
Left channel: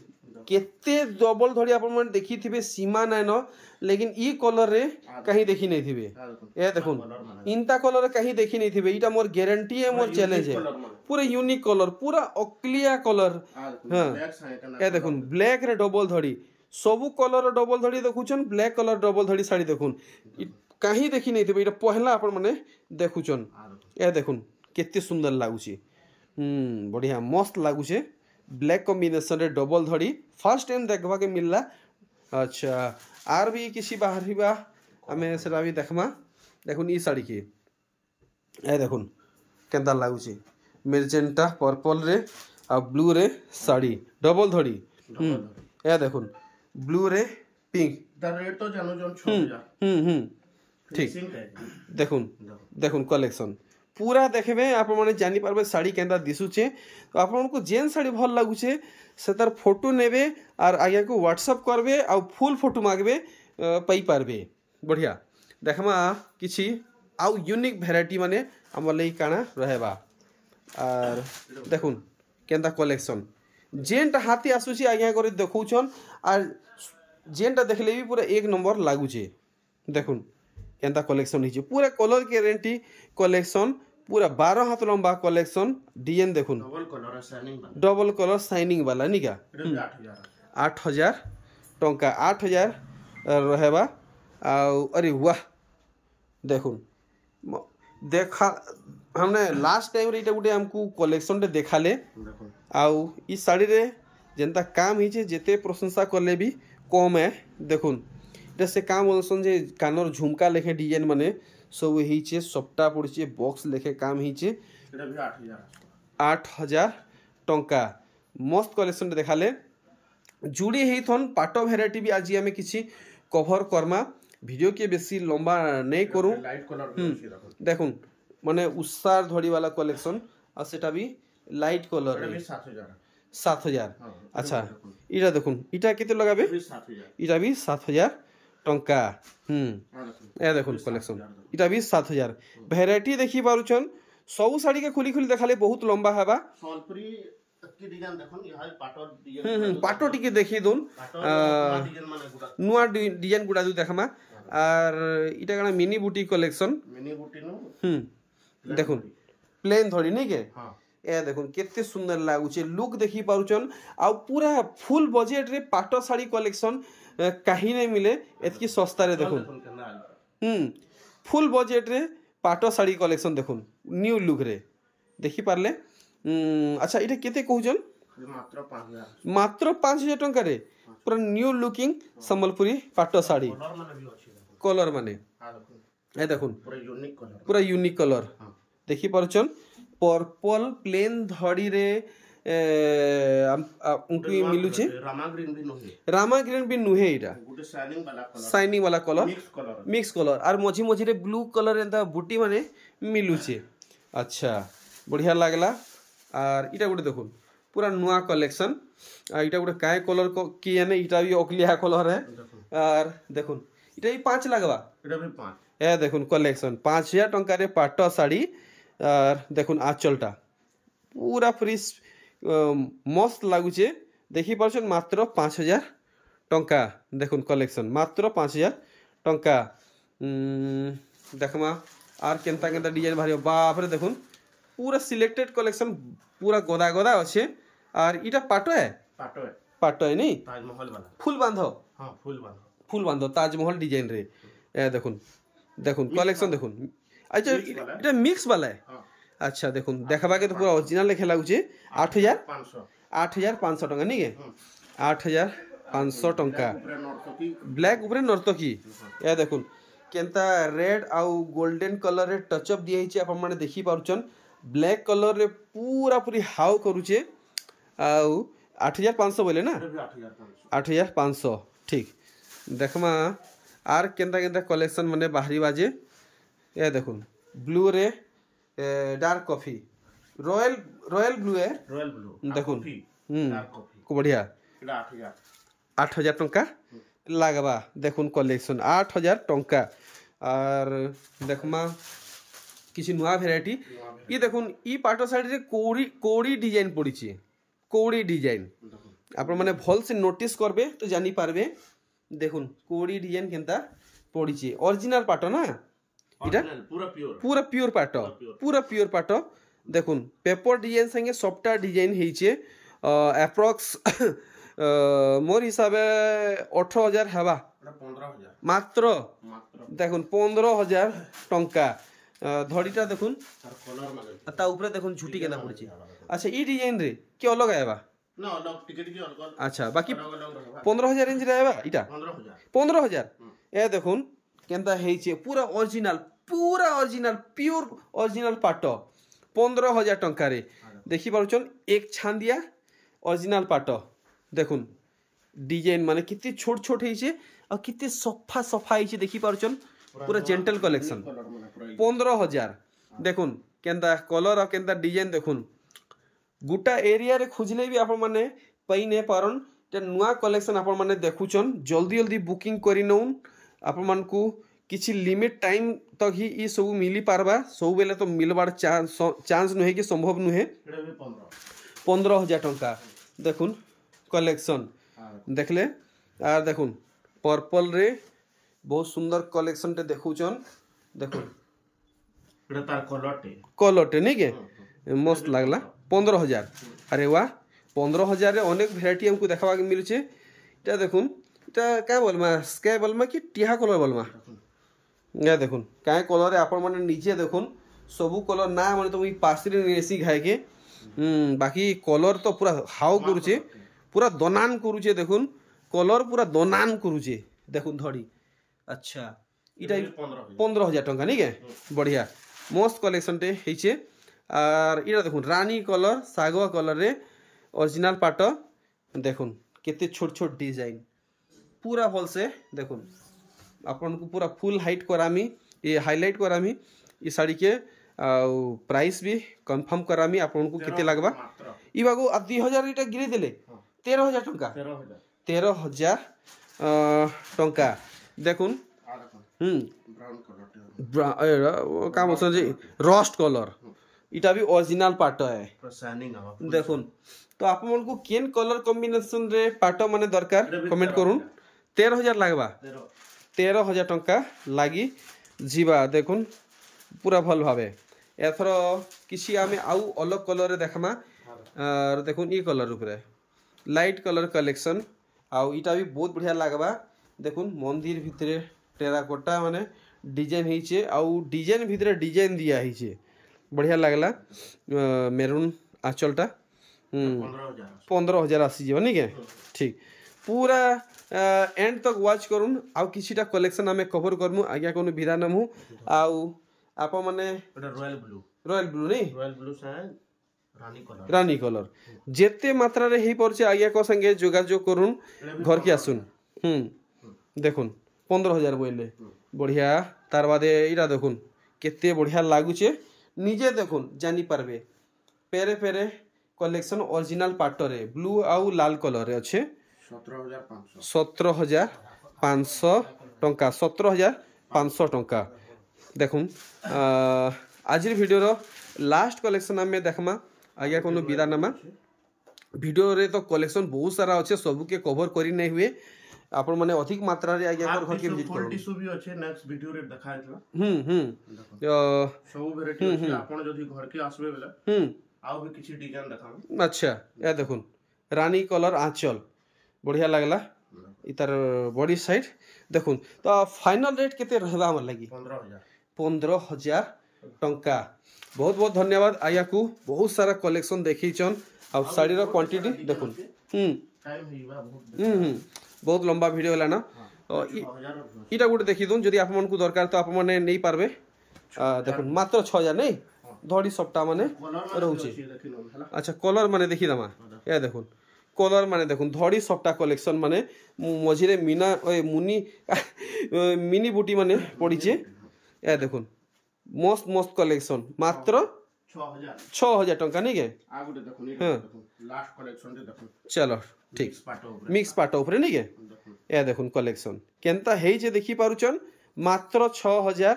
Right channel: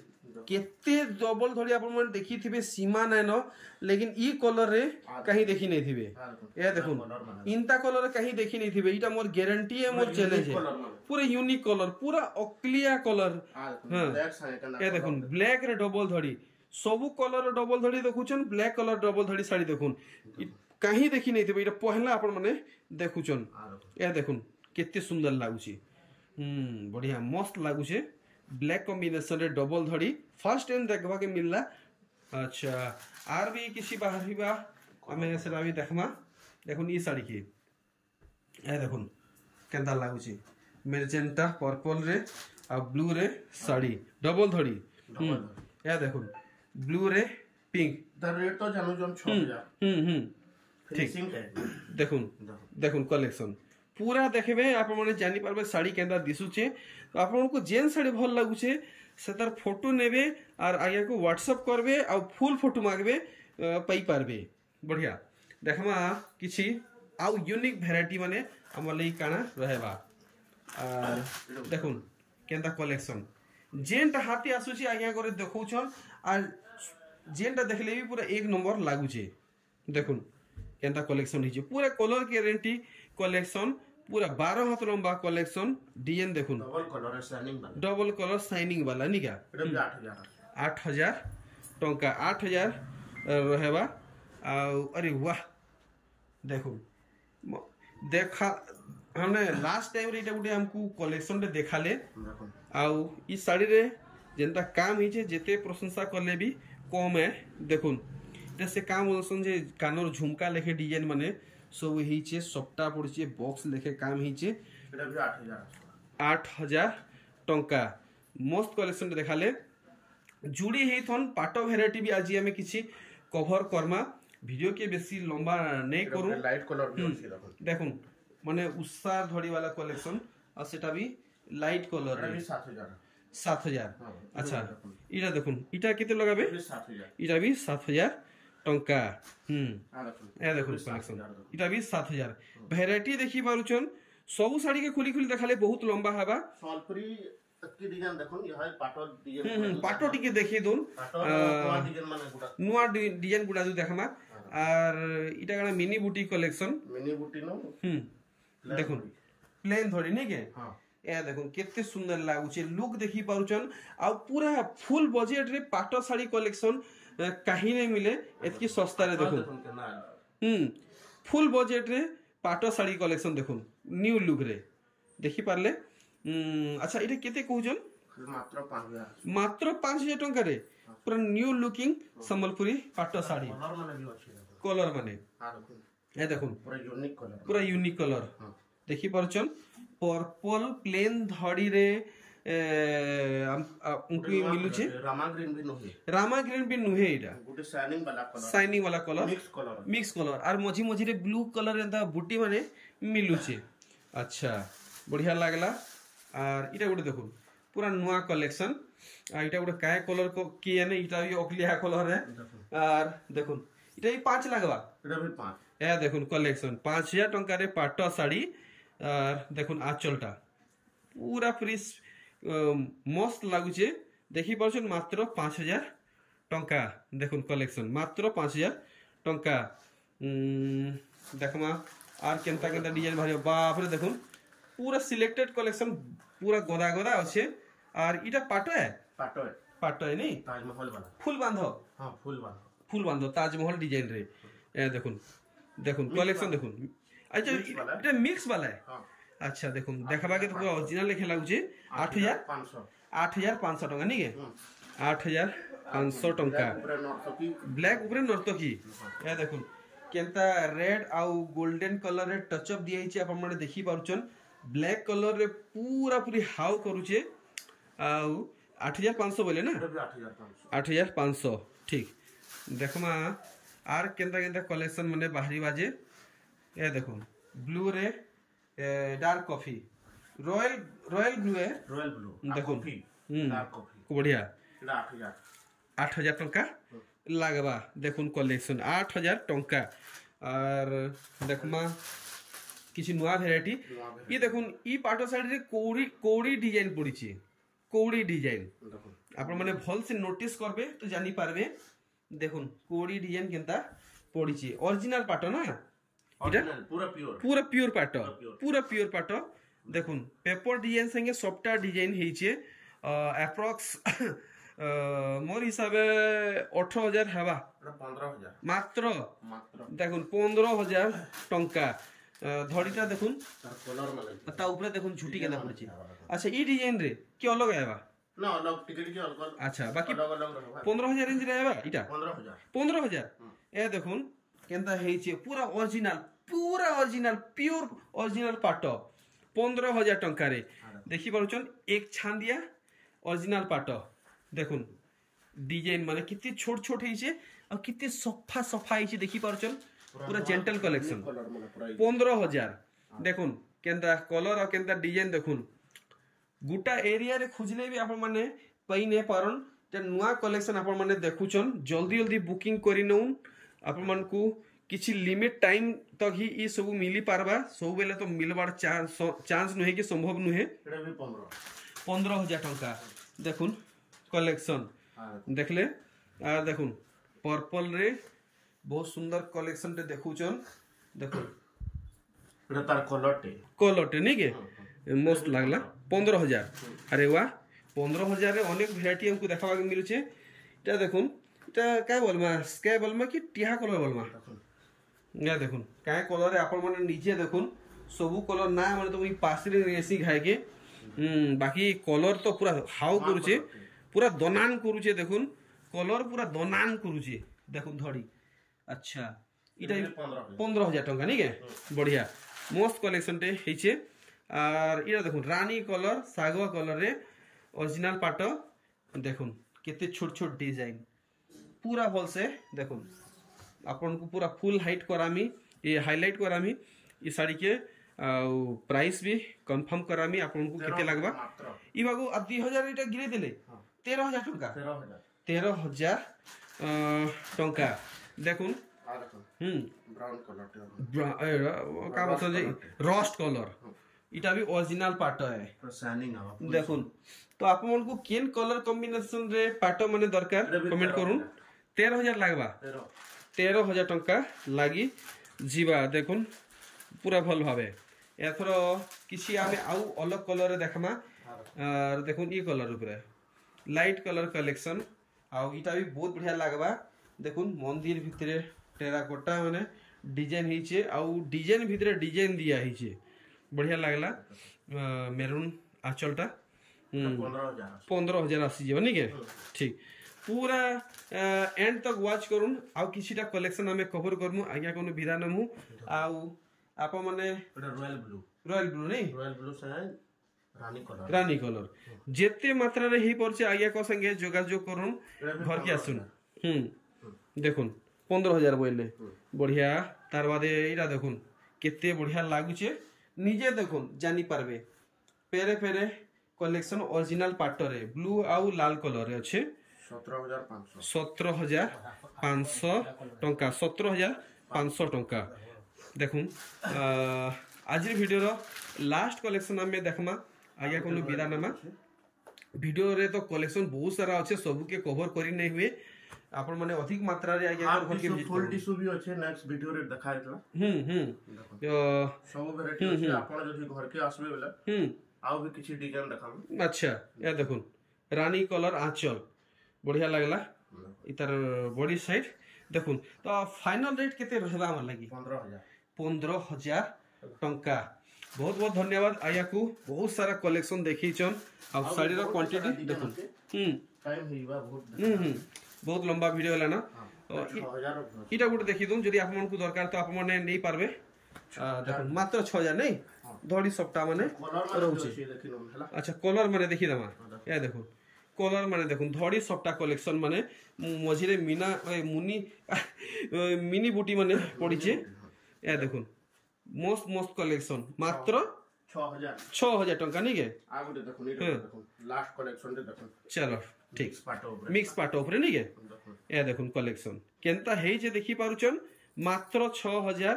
केते डबल धड़ी आपण मन देखि थिबे सीमा नै न लेकिन ई कलर रे कहीं देखि नहीं थिबे ए देखुन इनता कलर कहीं देखि नहीं थिबे इटा मोर गारंटी है मोर चैलेंज है पूरा यूनिक कलर पूरा अक्लिया कलर हां ए देखुन ब्लैक रे डबल धड़ी सबु कलर डबल धड़ी देखुचन ब्लैक कलर डबल धड़ी साड़ी देखुन कहीं देखि नहीं थिबे इटा पहला आपण माने देखुचन ए देखुन केते सुंदर लागुची बढ़िया मस्त लागुचे ब्लैक कॉम्बिनेशन रे डबल धड़ी फर्स्ट टाइम देखबा के मिलला अच्छा आर भी किसी बाहर बा हमें सेटा भी देखमा देखुन ई साड़ी के ए देखुन केंदा लागुची मेजेंटा पर्पल रे आ ब्लू रे साड़ी डबल धड़ी ए देखुन ब्लू रे पिंक द रेट तो जानो जन 6,000 ठीक देखुन कलेक्शन पूरा देखबे आप माने जानि पारबे साड़ी केंदा दिसुचे तो आपन को जेन साड़ी भल लागुचे से तार फोटो नेबे और आगे को व्हाट्सएप करबे और फुल फोटो मागबे पई पारबे बढ़िया देखमा किछि आउ यूनिक वेराइटी माने हमर लई काना रहेबा और देखुन केंदा कलेक्शन जेनटा हाथी आसुची आगे करे देखौछन और जेनटा देखले भी पूरा एक नंबर लागुचे देखुन केंदा कलेक्शन हिचे पूरा कलर गारंटी कलेक्शन पूरा 12 हाथ लंबा कलेक्शन डिजाइन देखुन डबल कलर शाइनिंग वाला नी क्या 8,000 टंका 8,000 रहेबा अरे वाह देखुन देखा हमने लास्ट टाइम रे इटा गुटे हमको कलेक्शन रे देखाले आउ ई साड़ी रे जेंता काम हिचे जेते प्रशंसा करले भी कम है देखुन इटा से काम बोलसन जे कानर झुमका लेखे डिजाइन माने सब हिचे सप्ता पड़चे बॉक्स लेखे काम हिचे एटा भी 8,000 टंका मस्त कलेक्शन देखाले जुड़ी हेथन पाटो वेराइटी भी आज हमें किछि कवर करमा वीडियो के बेसी लंबा नहीं करू लाइट कलर भी अछि देखुन माने उसार धड़ी वाला कलेक्शन और सेटा भी लाइट कलर भी 7,000 अच्छा इटा देखुन इटा केते लगाबे इटा भी 7,000 टंका ए देखुन कलेक्शन इटा भी 7,000 वेराइटी देखि पारुछन सब साड़ी के खुली देखाले बहुत लंबा हवा सोलपुरी की डिजाइन देखुन यहां पाटो डिजाइन पाटो टिके देखि दोन नुआ डिजाइन गुडा दु देखमा और इटा कना मिनी बूटी कलेक्शन मिनी बूटी नो देखुन प्लेन धड़ी नहीं के हां ए देखुन केते सुंदर लागुचे लुक देखि पारुछन आ पूरा फुल बजेट रे पाटो साड़ी कलेक्शन कहीं नहीं मिले एतकी सस्ता रे देखुन फुल बजेट रे पाटो साड़ी कलेक्शन देखुन न्यू लुक रे देखि पारले अच्छा इटा केते कहउजन मात्र 5,000 टंका रे पूरा न्यू लुकिंग संबलपुरी पाटो साड़ी कलर माने ए देखुन पूरा यूनिक कलर देखि पारछन पर्पल प्लेन धड़ी रे उनकी मिलुचे रामा ग्रीन भी नुहे इटा गुटे शाइनिंग वाला कलर मिक्स कलर और मझी मझी रे ब्लू कलर एंता बूटी माने मिलुचे अच्छा बढ़िया लागला और इटा गुटे देखुन पूरा नुआ कलेक्शन इटा गुटे काय कलर को की यानी इटा भी अकलिया कलर है और देखुन इटा भी 5 लागबा इटा भी 5 ए देखुन कलेक्शन 5,000 टंका रे पाटो साड़ी और देखुन आंचलटा पूरा फ्री मस्त लगुचे देखी पार्छन मात्र 5000 टंका देखुन कलेक्शन मात्र 5000 टंका देखमा आर केनता केनता डिजाइन भारी बाप रे देखुन पूरा सिलेक्टेड कलेक्शन पूरा गदा गदा अच्छे और इटा पाटो है नहीं ताजमहल वाला फुल बांधो हां फुल बांधो ताजमहल डिजाइन रे ए देखुन कलेक्शन देखुन अच्छा इटा मिक्स वाला है हां अच्छा देखुन देखबा के तो पूरा ओरिजिनल लेखे लागुचे 8500 टंका नहीं के 8500 टंका ब्लैक ऊपर नर्तकी ए देखुन केनता रेड आउ गोल्डन कलर रे टच अप दिया हिचे अपन माने देखि पारुचन ब्लैक कलर रे पूरा पूरी हाउ करूचे आउ 8500 बोले ना 8500 ठीक देखमा आर केनता केनता कलेक्शन माने बाहरी बाजे ए देखुन ब्लू रे डार्क कॉफी रॉयल ब्लू है देखुन डार्क कॉफी को बढ़िया एटा 8000 टंका लागबा देखुन कलेक्शन 8000 टंका और देखमा किसी नुआ भेराइटी ये देखुन ई पाटो साइड रे कोड़ी डिजाइन पड़ी छी कोड़ी डिजाइन आपण माने भल से नोटिस करबे तो जानी पारबे देखुन कोड़ी डिजाइन केनता पड़ी छी ओरिजिनल पाटो ना इटा पूरा प्योर पाटो देखुन पेपर डिजाइन संगे सॉफ्टवेयर डिजाइन हेइचे अप्रॉक्स मोर हिसाब 18000 हवा 15000 मात्र देखुन 15000 टंका धड़ीटा देखुन ता ऊपर देखुन झुटी केना पड़ची अच्छा ई डिजाइन रे के अलग आएबा ना अलग टिकट के अलग अच्छा बाकी 15000 रेंज रे आएबा इटा 15000 ए देखुन केनता हेइचे पूरा ओरिजिनल प्योर ओरिजिनल पाटो 15000 टंका रे देखि पारुचन एक छांदिया ओरिजिनल पाटो देखुन डिजाइन माने कितनी छोट छोट हेइचे और कितने सफा हेइचे देखि पारुचन पूरा जेंटल कलेक्शन 15000 देखुन केनता कलर और केनता डिजाइन देखुन गुटा एरिया रे खुजले भी आपण माने पई ने पारन ते नुआ कलेक्शन आपण माने देखुचन जल्दी बुकिंग करि नउन आपण मान को किछि लिमिट टाइम तक ही ई सब मिली पारबा सब बेले तो मिलबार चांस नुहे कि संभव नुहे 15000 टंका देखुन कलेक्शन देखले आ देखुन पर्पल रे बहुत सुंदर कलेक्शन टे देखुचन देखुन एटा तार कलर टे नहीं के मस्त लागला 15000 अरे वाह 15000 रे अनेक वैरायटी हमको देखबा के मिलुचे इटा देखुन इटा का बोलमा स्काई बोलमा कि टिहा कलर बोलमा या देखुन काय कलर आपण माने नीचे देखुन सबु कलर ना माने तो ई पासरी नेसी खाए के बाकी कलर तो पूरा हाउ करूचे पूरा दनान करूचे देखुन कलर पूरा दनान करूचे देखुन धड़ी अच्छा इटा 15000 टंका नहीं के बढ़िया मस्त कलेक्शन टे हेचे और इटा देखुन रानी कलर सागवा कलर रे ओरिजिनल पाटो देखुन केते छोट छोट डिजाइन पूरा भल से देखुन आपन को पूरा फुल हाइट करामी ये हाईलाइट करामी ये साड़ी के प्राइस भी कंफर्म करामी आपन को केते लागबा ई बागो 2000 इटा गिरे देले 13000 टंका 13000 टंका देखुन ब्राउन कलर का मतलब जी रस्ट कलर इटा भी ओरिजिनल पाटो है देखुन तो आप मन को केन कलर कॉम्बिनेशन रे पाटो माने दरकार कमेंट करूँ 13000 लागबा 13000 टंका लागी जीवा देखुन पूरा भल भावे एथर किसी आमे आउ अलग कलर रे देखमा और देखुन ई कलर ऊपर लाइट कलर कलेक्शन आउ इटा भी बहुत बढ़िया लागबा देखुन मंदिर भितरे टेराकोटा माने डिजाइन हेइचे आउ डिजाइन भितरे डिजाइन दिया हेइचे बढ़िया लागला मेरून आंचलटा 15000 आसी जीव नहीं के ठीक पूरा एंड तक वॉच करूँ आउ किछिटा कलेक्शन आमे कवर करमु आज्ञा कोनो विधा नमु आउ आप माने रॉयल ब्लू से रानी कलर जेते मात्रा रे ही परचे आज्ञा को संगे जोगाजोग करूँ घर के आसुन देखुन 15000 बोले बढ़िया तार बादे इरा देखुन केते बढ़िया लागुचे निजे देखुन जानी पारबे पेरे पेरे कलेक्शन ओरिजिनल पाटो रे ब्लू आउ लाल कलर रे अच्छे 17500 टंका 17500 टंका देखुन आज वीडियो लास्ट कलेक्शन आम देखमा आज्ञा कोनो विदा नमा वीडियो रे तो कलेक्शन बहुत सारा अच्छे सबू के कवर करी नहीं हुए आपण माने अधिक मात्रा रे आज्ञा घर के विजिट फुल टिश्यू भी अच्छे नेक्स्ट वीडियो रे देखाइतला सब वेराइटी अछि आपण जदी घर के आसबे बेला आउ भी किछि डिजाइन देखाम। अच्छा या देखुन रानी कलर आंचल बढ़िया लागला इतार बॉडी साइड देखुन तो फाइनल रेट केते रहबा हमर लगी 15,000 टंका। बहुत बहुत धन्यवाद आया को बहुत सारा कलेक्शन देखी चन अब साड़ी रो क्वांटिटी देखुन टाइम हेबा बहुत बहुत लंबा वीडियो होला ना इटा गुटे देखि दूं जदी आप मन को दरकार तो आप माने नहीं पारबे देखुन मात्र 6,000 नहीं धड़ी सप्ताह माने रहउची। अच्छा कलर माने देखि दमा या देखुन कलर माने देखुन धड़ी सप्ताह कलेक्शन माने मझिरे मीना मुनी मिनी बूटी माने पड़ी छे या देखुन मस्त मस्त कलेक्शन मात्र 6,000 टंका नहीं के आ गुटे देखुन देखुन लास्ट कलेक्शन रे देखुन चलो ठीक मिक्स पाट ऊपर नहीं के या देखुन कलेक्शन केनता हेई जे देखि पारुचन मात्र 6,000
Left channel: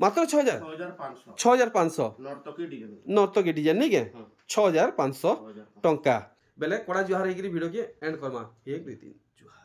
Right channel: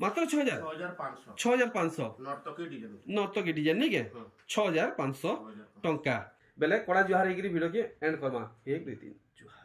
मात्र 6,500 नर्तकी डिजाइन नहीं के 6,500 टंका बेले कड़ा जुहार वीडियो के एंड करमा 1 2 3 जुहार।